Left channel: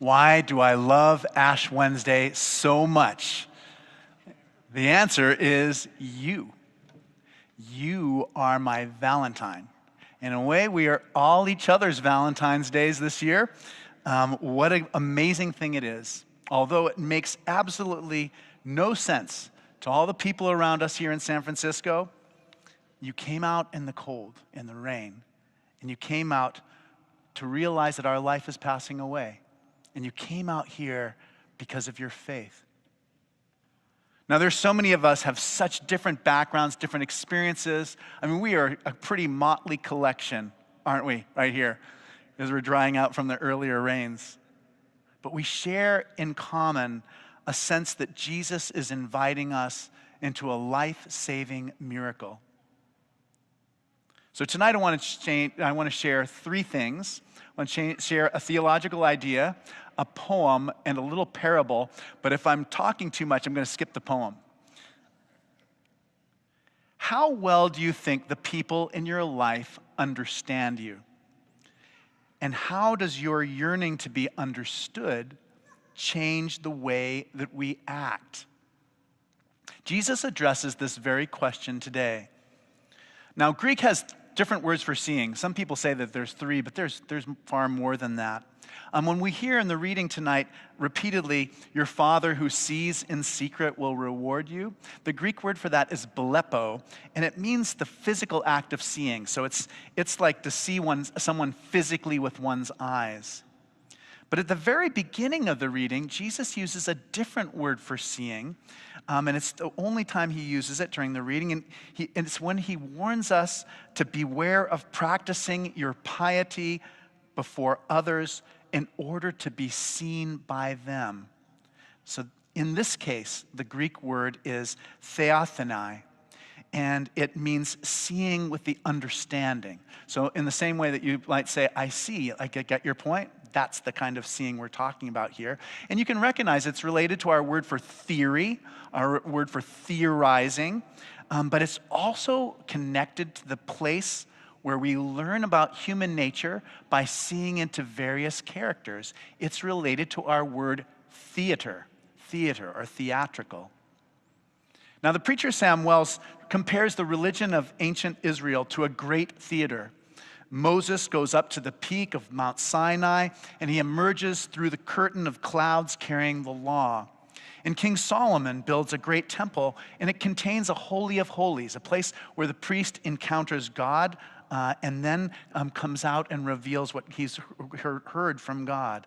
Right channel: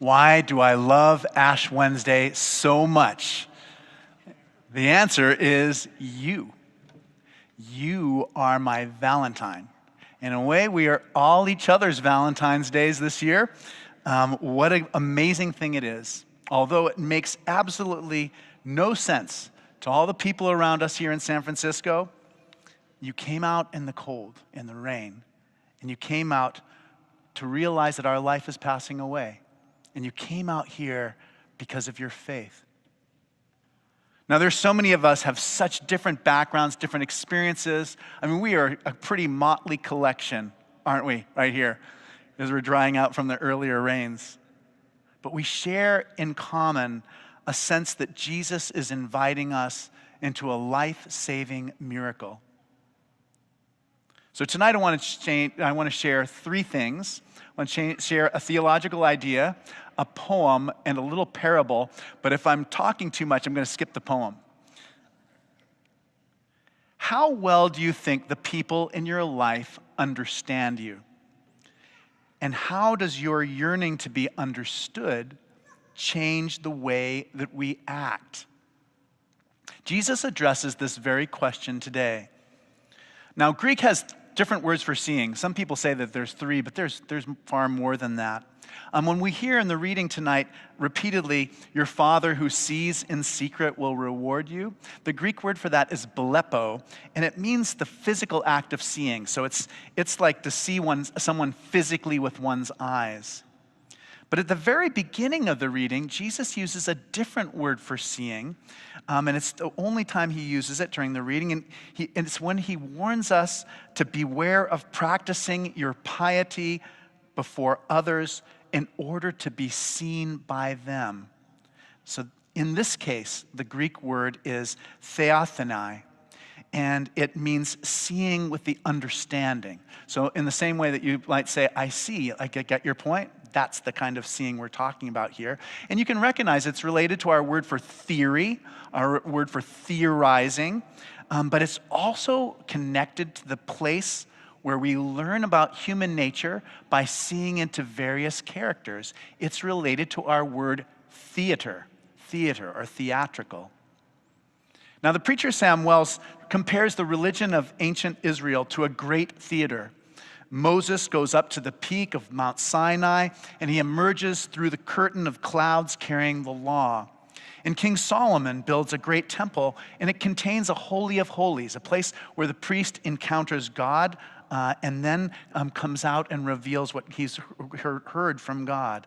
Why do I love Ash Wednesday so much? The answer is you. You are my Valentine. In a way, we are all each other's Valentine's days this year. What an amazing thing it is. Although it makes absolutely no sense to all the people around us here in San Francisco, you came out in the cold, in the rain, and you came out to realize that our life is passing away. And you came out here because of your faith. Now, there's so many of us have such different backgrounds, different experiences. I mean, we are a pretty motley collection, aren't we, right here, as we're drying out from the earlier rains. But we share in common a sense that Jesus is inviting us into a life-saving miracle. So tonight I want to share three things. I want to share a theological idea, a poem, and a little parable. But if I'm talking too much, I'm going to skip the poem. How well do you think the people in your life understand you? And how does your yearning to be understood change the way that we act? Jesus addresses this very question today. Now, Greek has different words for seeing. Some people say that there's three, but there's far more than that. When we hear in the reading tonight repeatedly, your Father who sees in secret will reward you, the Greek word for that is blepo, and it means the physical act of seeing. So it's like to see someone physically with one's eyes. But at the very beginning of the reading, Jesus uses a different word for seeing, and it's the only time he uses it during the reading. And it's when he warns us to beware of practicing your piety before others in order to be seen by them. So in this case, the Greek word is theothenai, and it means seeing with the understanding. So in the same way that you might say, I see, I get your point, that's the kind of seeing we're talking about here. And you can recognize it's related to our word for theory, our word for theorizing, but it's also connected to the place where we learn about human nature by seeing into various characters. It's related to our word theater or theatrical. Now, the preacher Sam Wells compares the religion of ancient Israel to a great theater. Moses goes up to the peak of Mount Sinai, and he emerges through the curtain of clouds carrying the law. And King Solomon builds a great temple, and it contains a holy of holies, a place where the priest encounters God and then comes out and reveals what he's heard from God.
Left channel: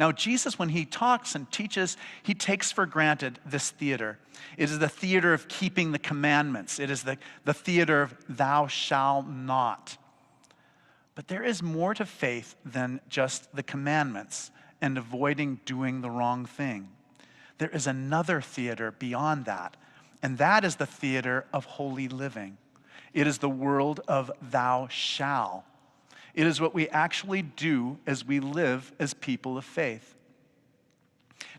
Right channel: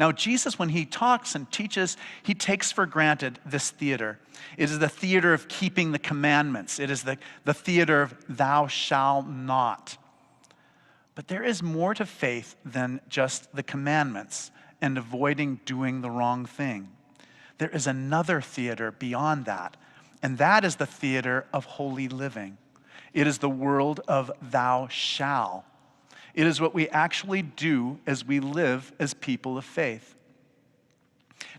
Now, Jesus, when he talks and teaches, he takes for granted this theater. It is the theater of keeping the commandments. It is the theater of thou shalt not. But there is more to faith than just the commandments and avoiding doing the wrong thing. There is another theater beyond that, and that is the theater of holy living. It is the world of thou shalt. It is what we actually do as we live as people of faith.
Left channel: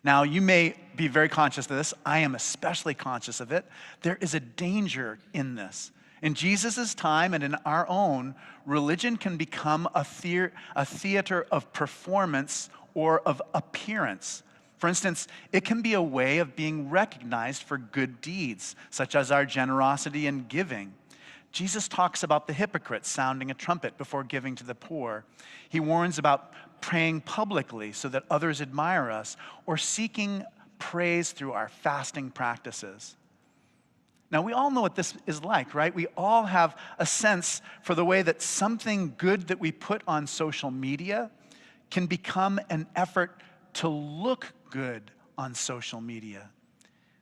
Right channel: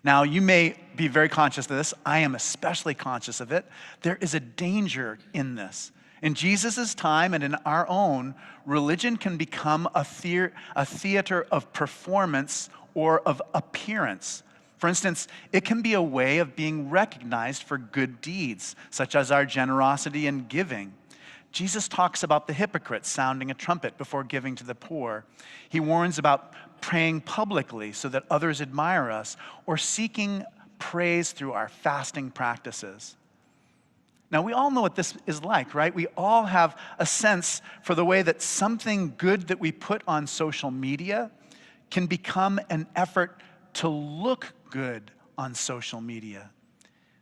Now, you may be very conscious of this. I am especially conscious of it. There is a danger in this. In Jesus' time and in our own, religion can become a theater of performance or of appearance. For instance, it can be a way of being recognized for good deeds, such as our generosity and giving. Jesus talks about the hypocrite sounding a trumpet before giving to the poor. He warns about praying publicly so that others admire us, or seeking praise through our fasting practices. Now, we all know what this is like, right? We all have a sense for the way that something good that we put on social media can become an effort to look good on social media.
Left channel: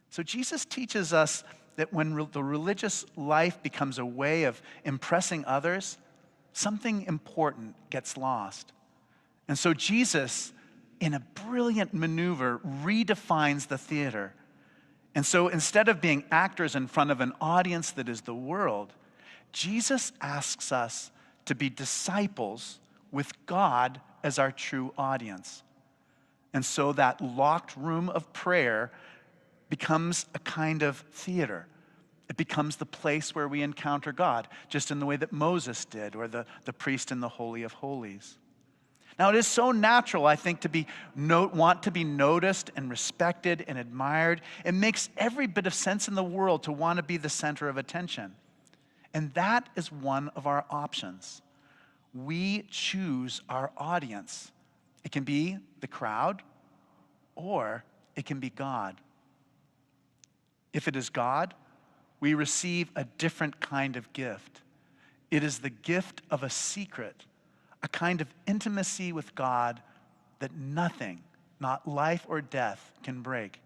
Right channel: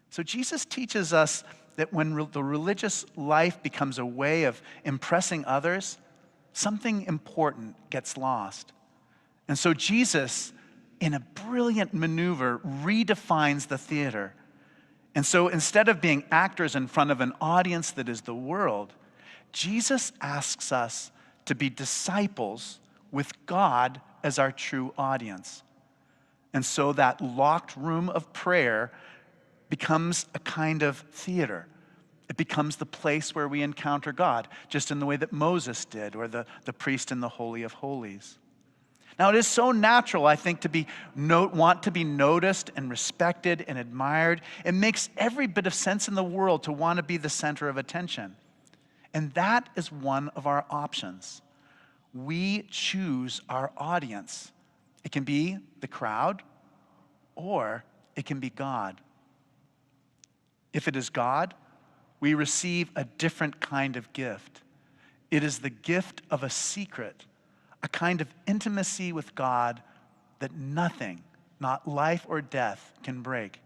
So Jesus teaches us that when the religious life becomes a way of impressing others, something important gets lost. And so Jesus, in a brilliant maneuver, redefines the theater. And so instead of being actors in front of an audience that is the world, Jesus asks us to be disciples with God as our true audience. And so that locked room of prayer becomes a kind of theater. It becomes the place where we encounter God, just in the way that Moses did, or the priest in the Holy of Holies. Now, it is so natural, I think, to want to be noticed and respected and admired. It makes every bit of sense in the world to want to be the center of attention. And that is one of our options. We choose our audience. It can be the crowd, or it can be God. If it is God, we receive a different kind of gift. It is the gift of a secret, a kind of intimacy with God that nothing, not life or death, can break.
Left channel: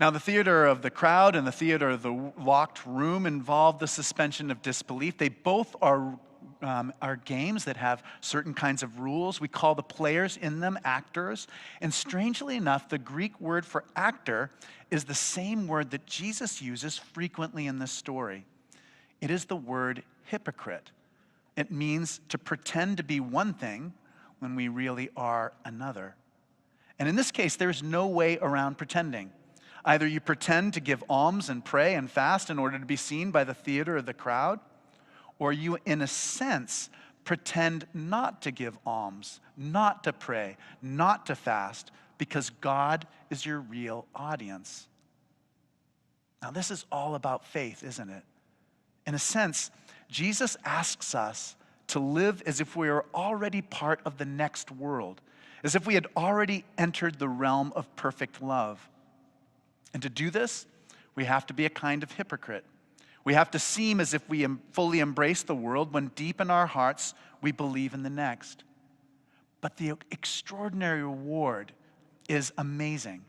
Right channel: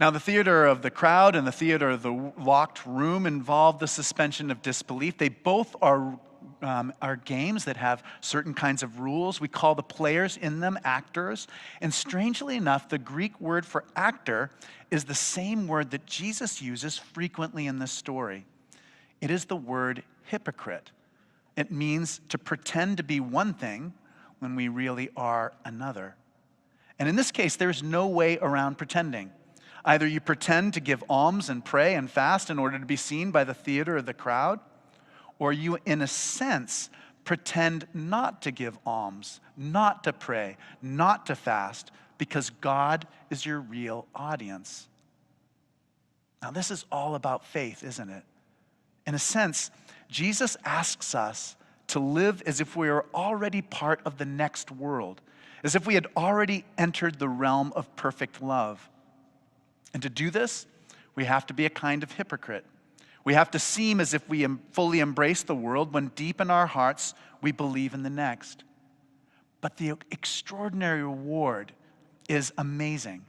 Now, the theater of the crowd and the theater of the locked room involve the suspension of disbelief. They both are games that have certain kinds of rules. We call the players in them actors. And strangely enough, the Greek word for actor is the same word that Jesus uses frequently in this story. It is the word hypocrite. It means to pretend to be one thing when we really are another. And in this case, there's no way around pretending. Either you pretend to give alms and pray and fast in order to be seen by the theater or the crowd, or you, in a sense, pretend not to give alms, not to pray, not to fast, because God is your real audience. Now, this is all about faith, isn't it? In a sense, Jesus asks us to live as if we are already part of the next world, as if we had already entered the realm of perfect love. And to do this, we have to be a kind of hypocrite. We have to seem as if we fully embrace the world when deep in our hearts we believe in the next. But the extraordinary reward is amazing.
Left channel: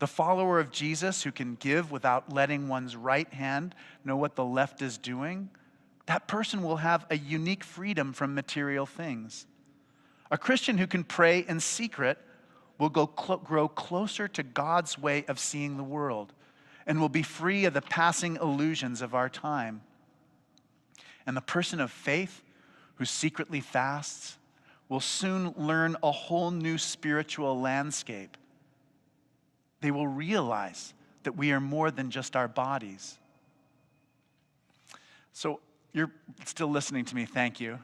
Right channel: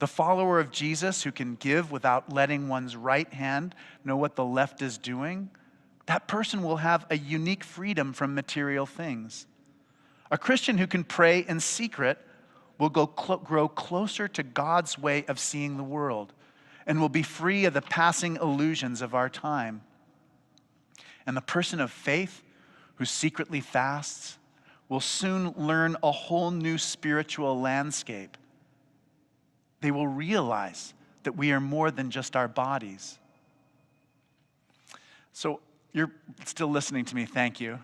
The follower of Jesus who can give without letting one's right hand know what the left is doing, that person will have a unique freedom from material things. A Christian who can pray in secret will grow closer to God's way of seeing the world and will be free of the passing illusions of our time. And the person of faith who secretly fasts will soon learn a whole new spiritual landscape. They will realize that we are more than just our bodies. So you're still listening to me, thank you.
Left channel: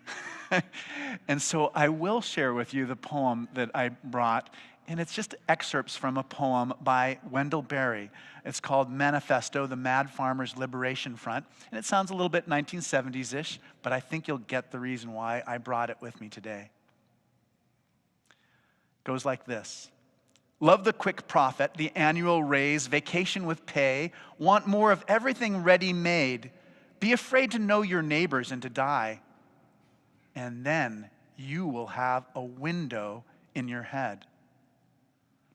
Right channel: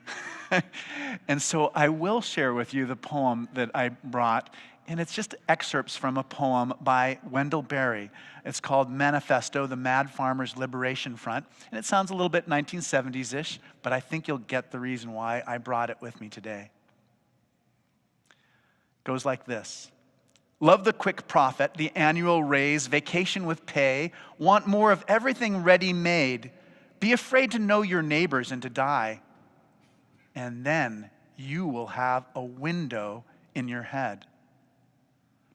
And so I will share with you the poem that I brought. And it's just excerpts from a poem by Wendell Berry. It's called Manifesto, the Mad Farmers Liberation Front. And it sounds a little bit 1970s-ish, but I think you'll get the reason why I brought it with me today. It goes like this. Love the quick profit, the annual raise, vacation with pay. Want more of everything ready-made. Be afraid to know your neighbors and to die. And then you will have a window in your head.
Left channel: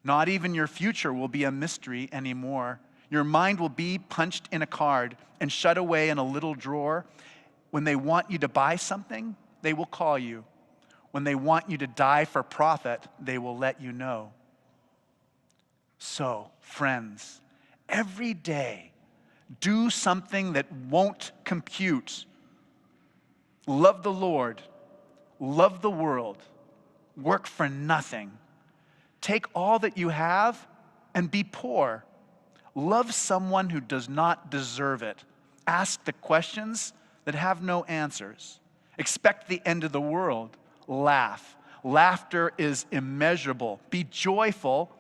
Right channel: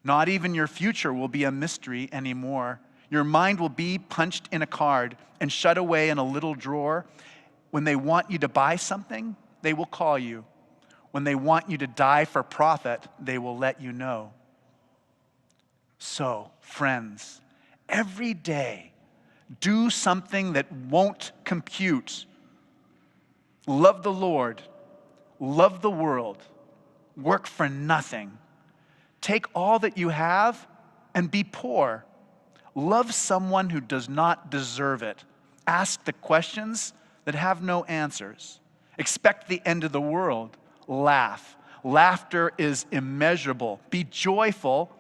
Not even your future will be a mystery anymore. Your mind will be punched in a card and shut away in a little drawer. When they want you to buy something, they will call you. When they want you to die for profit, they will let you know. So, friends, every day, do something that won't compute. Love the Lord. Love the world. Work for nothing. Take all that you have and be poor. Love someone who does not deserve it. Ask the questions that have no answers. Expect the end of the world. Laugh. Laughter is immeasurable. Be joyful,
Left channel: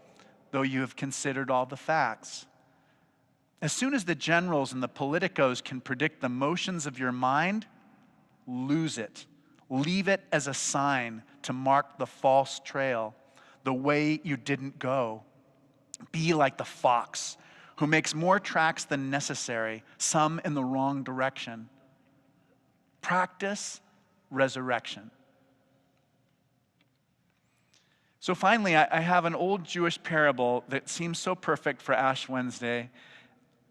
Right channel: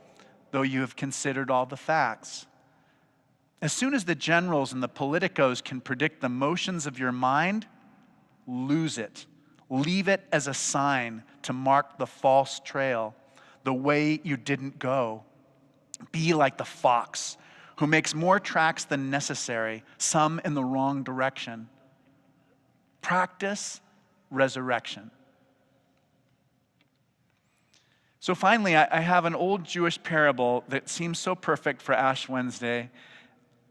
though you have considered all the facts. As soon as the generals and the politicos can predict the motions of your mind, lose it. Leave it as a sign to mark the false trail, the way you didn't go. Be like the fox who makes more tracks than necessary, some in the wrong direction. Practice resurrection. So finally, I have an old Jewish parable that seems so perfect for Ash Wednesday.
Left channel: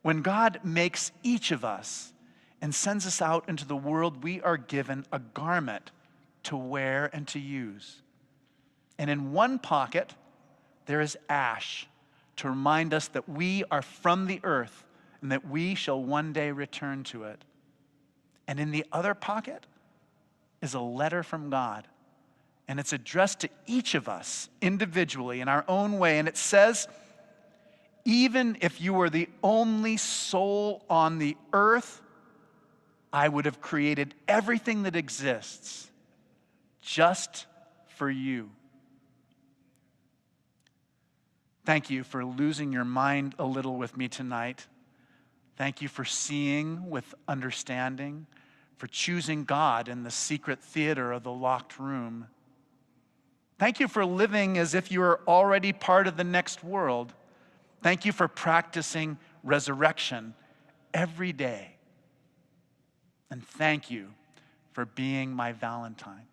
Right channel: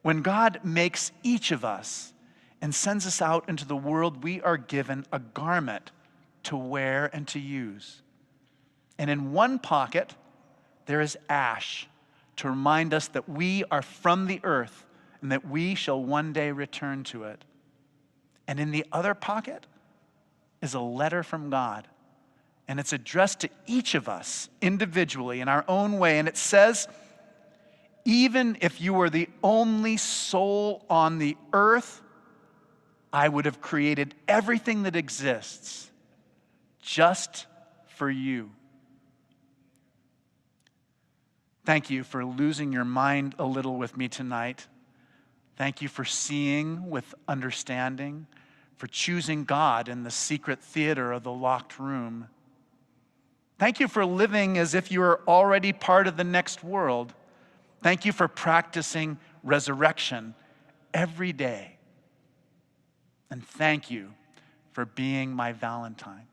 When God makes each of us and sends us out into the world, we are given a garment to wear and to use. And in one pocket, there is ash to remind us that we are from the earth and that we shall one day return to it. And in the other pocket is a letter from God. And it's addressed to each of us individually in our own way. And it says, even if you were the only soul on the earth, I would have created everything that exists. just for you. Thank you for losing your mind a little with me tonight. Thank you for seeing with understanding, for choosing God in the secret theater of the locked room. Thank you for living as if you are already part of the next world. Thank you for practicing resurrection every day. And thank you for being my Valentine.